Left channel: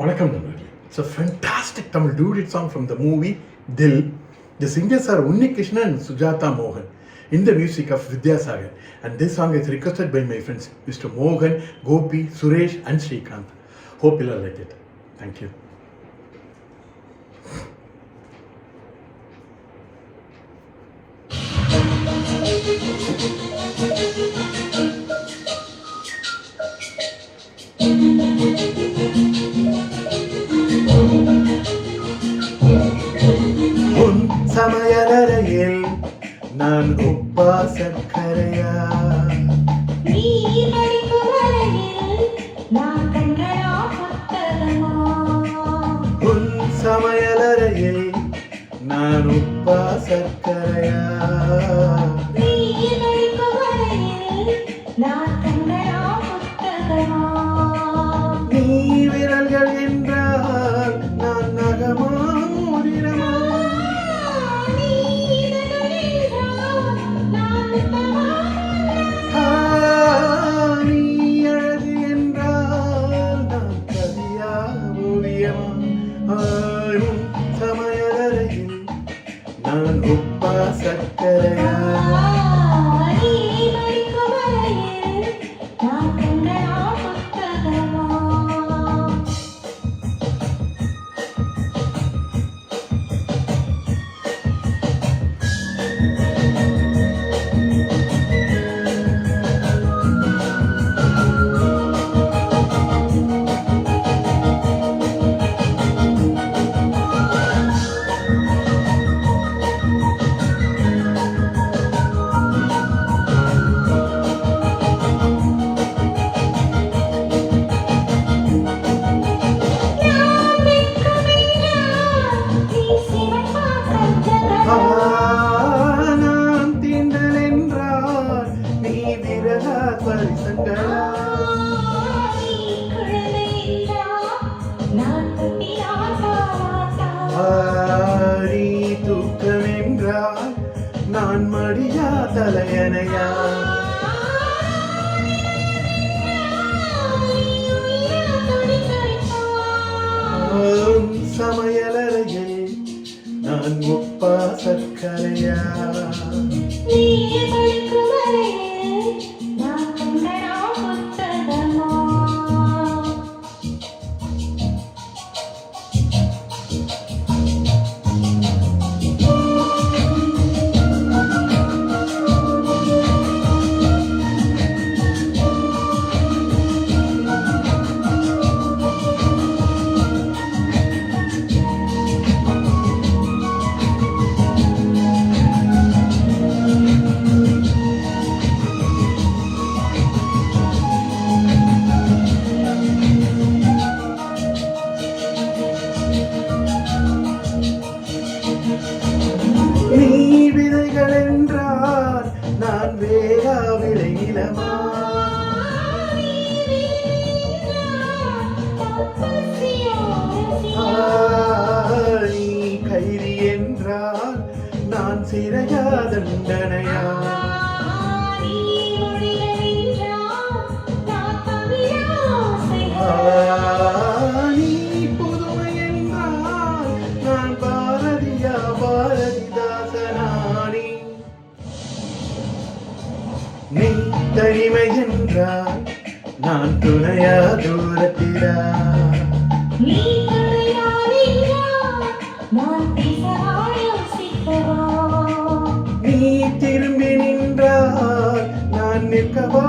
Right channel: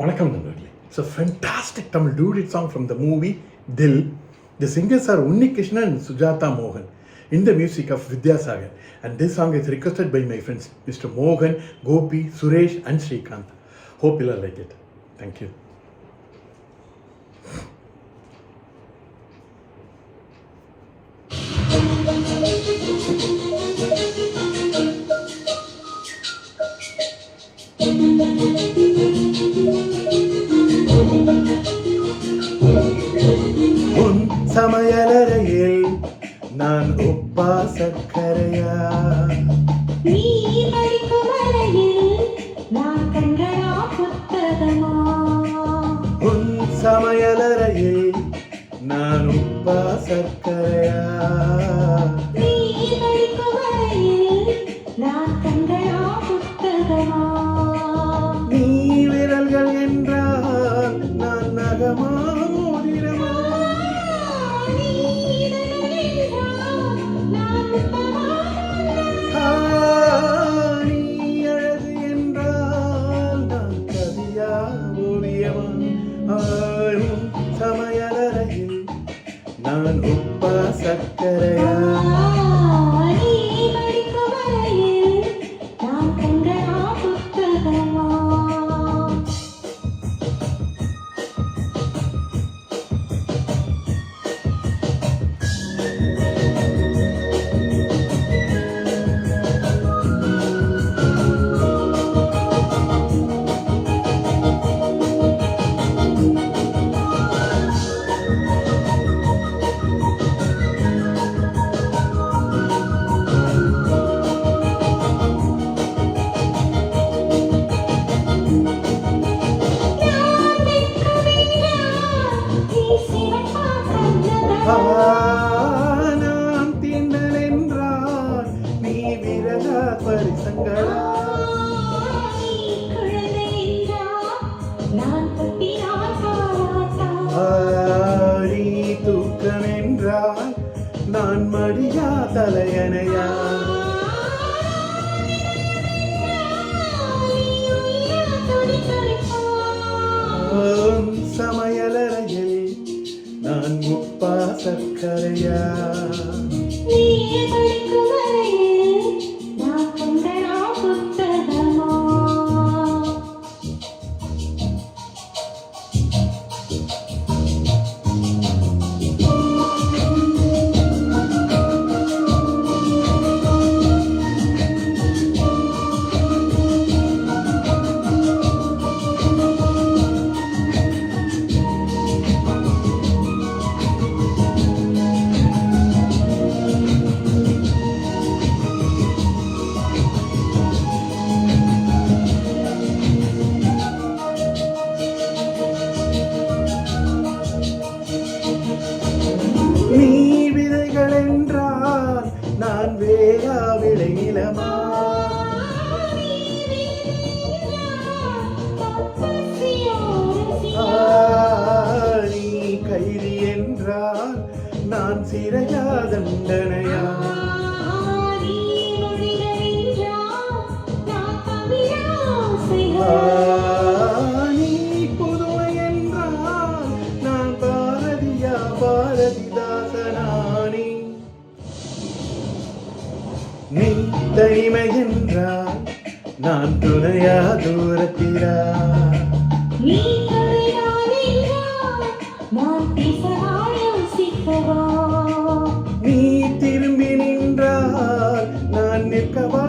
வணக்கம் நண்பர்களே. It's a fantastic Tamil duet song from the movie Dil. The singers are Unni Krishna and Sujata Mohan in the music of Vidyasagar. And this song is requested by my friends Mr. Mohan, Gopi, Suresh and Srikanth. Hope you all like it. Thank you. உன் சமையலறையில் நான் உப்பா சர்க்கரையா, உன் சமையலறையில் நான் உப்பா சர்க்கரையா, நீ விரல்கள் என்றால் நான் நகமா மோதிரமா, நீ அழகு என்றால் நான் கவியா ஓவியமா, சமையலறையில் நான் உப்பா சர்க்கரையா. நான் தீண்டல் என்றால் நீ விரலா பரிசங்களா, நீ தூக்கம் என்றால் நான் மடியா தலையணையா, சமையலறையில் நான் உப்பா சர்க்கரையா. நீ விதைகள் என்றால் நான் வேகா விளையிலமா, நீ கைதி என்றால் நான் சிறையா தண்டனையா, நீ புதுமை என்றால் நான் பாரதியா பாரதிதாசனானி, நீ தனிமை என்றால் நான் துணையா தூரத்திலா, நீ திரும்பி நின்றால் நான் நிற்கவா